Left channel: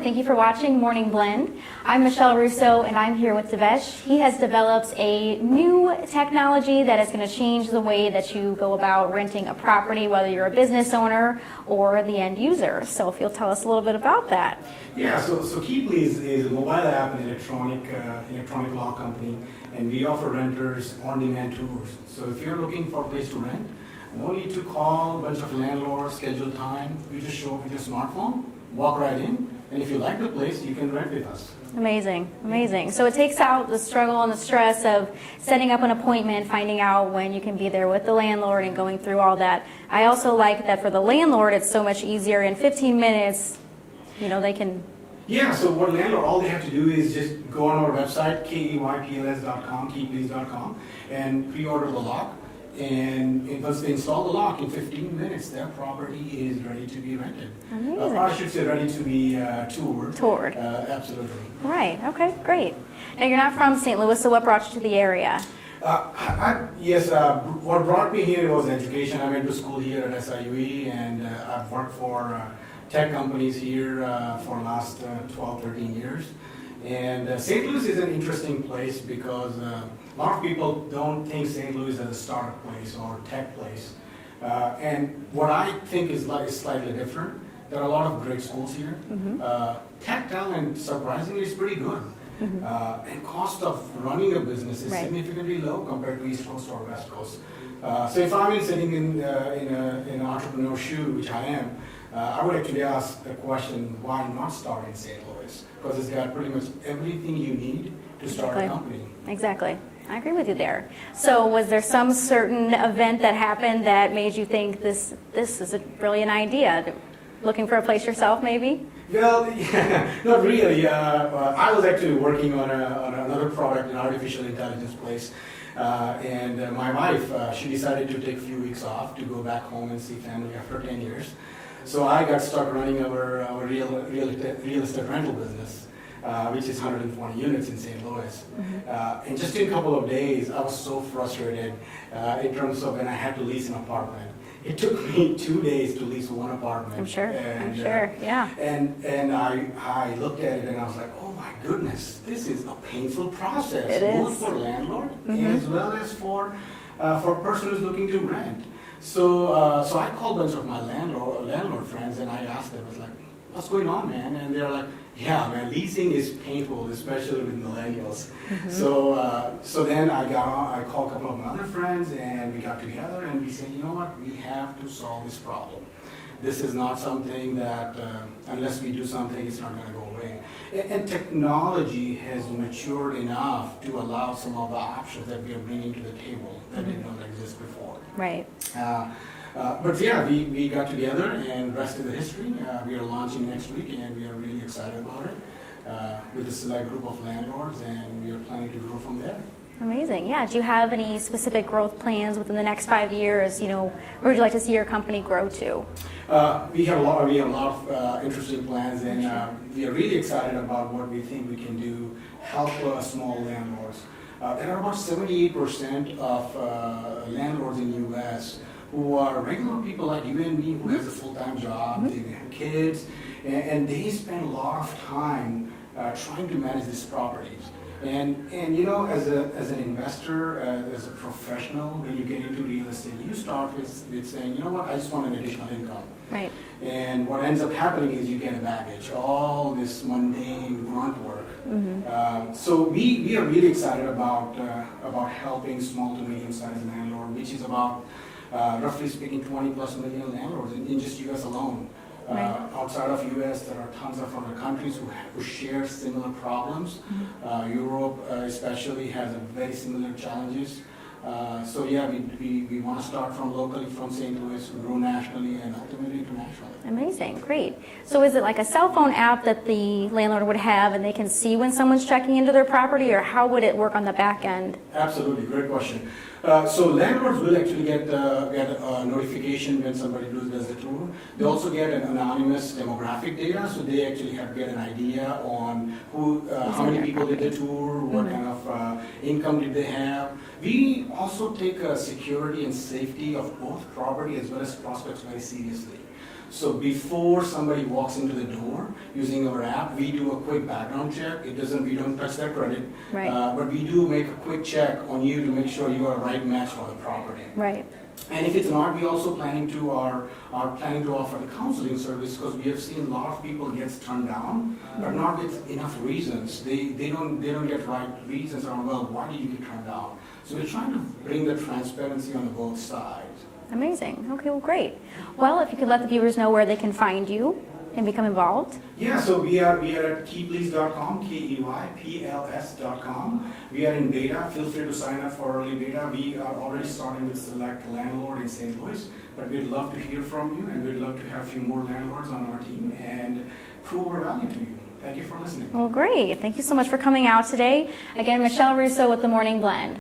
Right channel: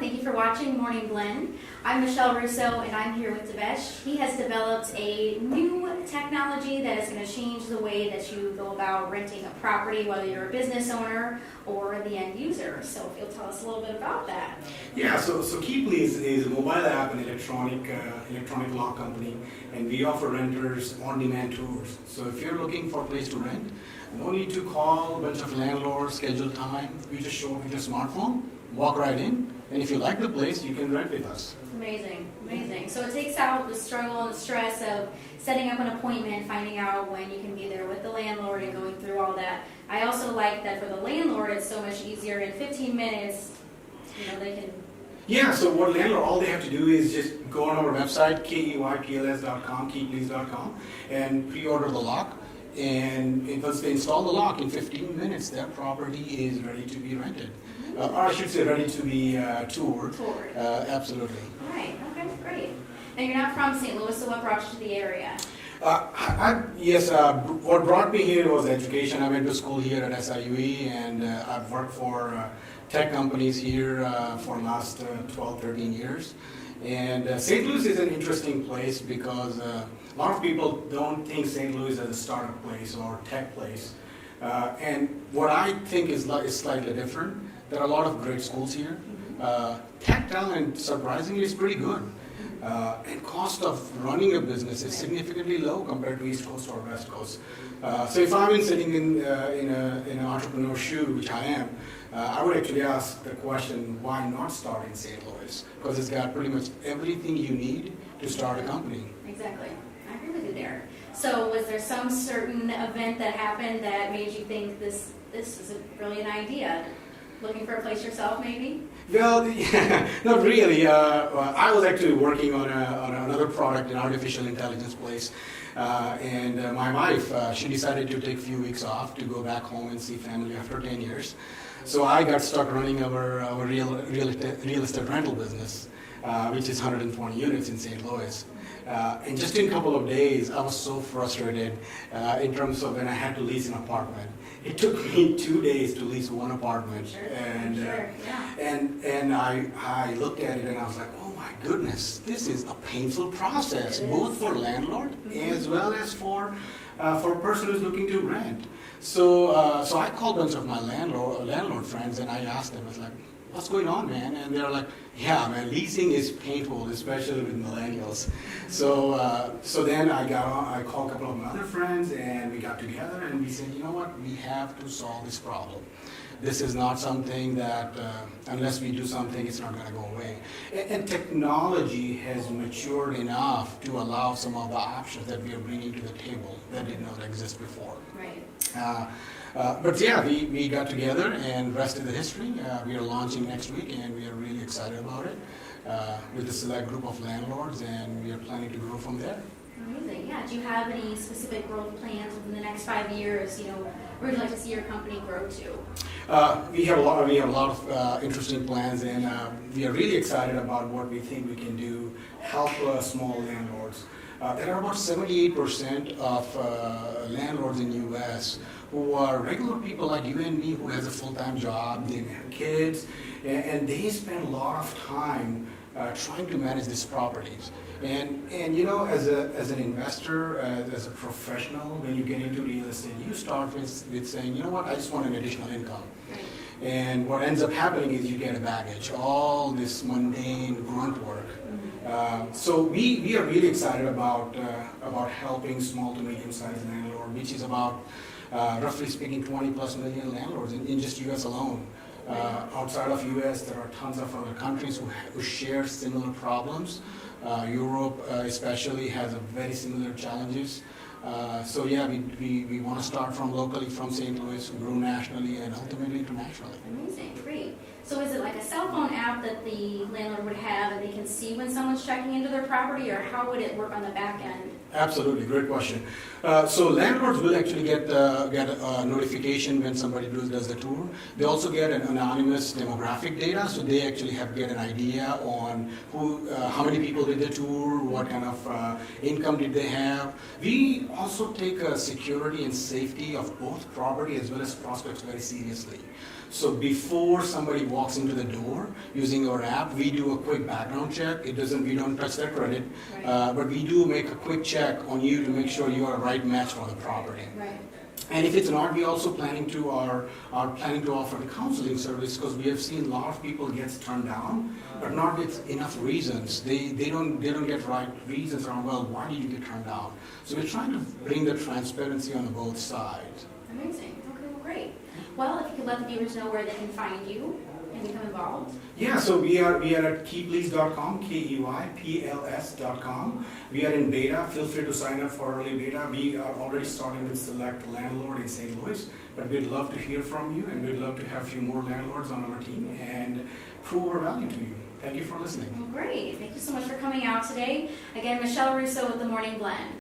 and thank you for watching Morning Blend. I'm Michelle Russo, and I'm here with Devesh. He has developed a new technology that is going to change the way that you go about renting a property, whether you're a business owner or the end user. So if you'll tell us a little bit about that. Yeah, so Keeply is a mobile app and electronic lock company, and we offer renters on-demand tours. So if you're looking for a place to rent, no need to call a bunch of landlords, schedule time. We just show up with your smartphone, walk right in, and if you like the place, you can rent with us. Amazing, amazing. So it takes out the struggle and the stress of setting up an appointment, finding out when you can be there with the landlord and going through all that. I also like that for the landlord, it's so much easier. In 15 minutes, they can... Yeah, so what landlord, all they have to do is just go on our website, keypls.com, keyplease.com, and pre-order the lock. And once they install the lock, in 15 minutes, their property is ready to be rented. Or I should say ready to be toured. Absolutely. Right, okay, great. Now you're not from St. Louis, so what brought you to the area? What brought me here was education. I went to school here at SIUE, and I've worked for tech companies here for the last 12, 13 years. And St. Louis is an interesting place because a lot of people don't think St. Louis is a startup place or tech place. And what I think is slightly different. There are a lot of great schools here. Tech talent, surprisingly, is pretty good. And cost of running a business is significantly low compared to East Coast or West Coast. So if I'm sitting in an entrepreneur's shoe, which I am, I would actually ask the question, why not start in St. Louis? Because it's got pretty much everything you need to start a company. Exactly. I agree with you there. So was there some certain event that happened that made you think this is a brilliant idea? Looking for a place yourself, maybe? Well, not really. I was actually working on another product, an artificial intelligence place. And my wife, she decided to take a few weeks off to go back home and see family after 10 years. So I got stuck running our real estate rental business, which is 120 units in St. Louis. And just in a couple of days, I was so frustrated in terms of when I had to lease an apartment. It took me 2 days to lease one apartment. I'm sure, yeah. And I looked at it and I was like, oh my goodness, this is a painful process, both for landlord as well as for a person who's looking to rent. So I called a bunch of my landlord friends and I asked them, I was like, what's going on, man? And they're like, yeah, man, leasing is painful, especially with millennials. So then I called a couple of my other friends and we got together and we said, you know what, we have to solve this problem. This is not something that, unless we do something, it's not going to go away. And technology has matured enough to allow some of the options that we are bringing to the table that did not exist before. Right. But yeah, we got together and rest of the history. We are launching next week and we are really excited about it with a select group of landlords, and we are planning to grow from there. Amazing. Yeah. Do you have any specific growth plans within the next 5 years? Where would you like to see your company grow to? We have a lot of interesting plans, and we are really excited about what we think we can do, help small landlords. There are about 78% of landlords in the U.S. who are regular people like you and me who has a full-time job, they have kids, and they spend a lot of time trying to manage these properties. And as an investor, as a professional, when you get into real estate, you start with saying, you know what, I just want an additional income. Right. And what ends up happening is you get a baggage, all this mundane grunt work. So we are really excited about helping small to medium-sized landlords, which is about, roughly speaking, 20 plus million landlords in just U.S. alone. Outside of U.S., there are tons of other countries who share similar problems. Europe especially has very similar challenges. So yeah, we want to start from locally, from St. Louis, grow nationally, and ultimately internationally. Amazing, great. So is it like a cell phone app that the landlord would have and they can see when someone's checking into their property, or how would it work on the back end? Absolutely, great question. So landlords will actually get a notification when somebody does the tour. They also get an anonymous demographic data, so they actually get an idea on how many people did the tour, what kind of income did they have. We also take security and safety of both property as well as prospects very seriously. So before somebody walks into the door using our app, we do a quick background check. We don't touch their credit, Right. but we do make a quick check on you to make sure you are a right match for the property. Right. And if it's not, we also planning to planning to offer the counseling service, because we have seen a lot of people gets turned down, but not with enough reasons. They don't get right reasons around, well, why did you get turned down? So we're trying to bring the transparency on both sides. Amazing. Okay, well, great. Well, if you could let the viewers know where they can find you and become involved. Yeah, so we are at keyplease.com, KEYPLS.com. We are in beta. Feel free to sign up for early beta. We are already starting with select landlord in St. Louis, but we'd love to hear from you, and we'd love to have a few more landlords on our team and prove our value to you. Thank you for listening. Well, great. Thank you so much for coming out today. Again, Michelle Russo with The Morning Blend.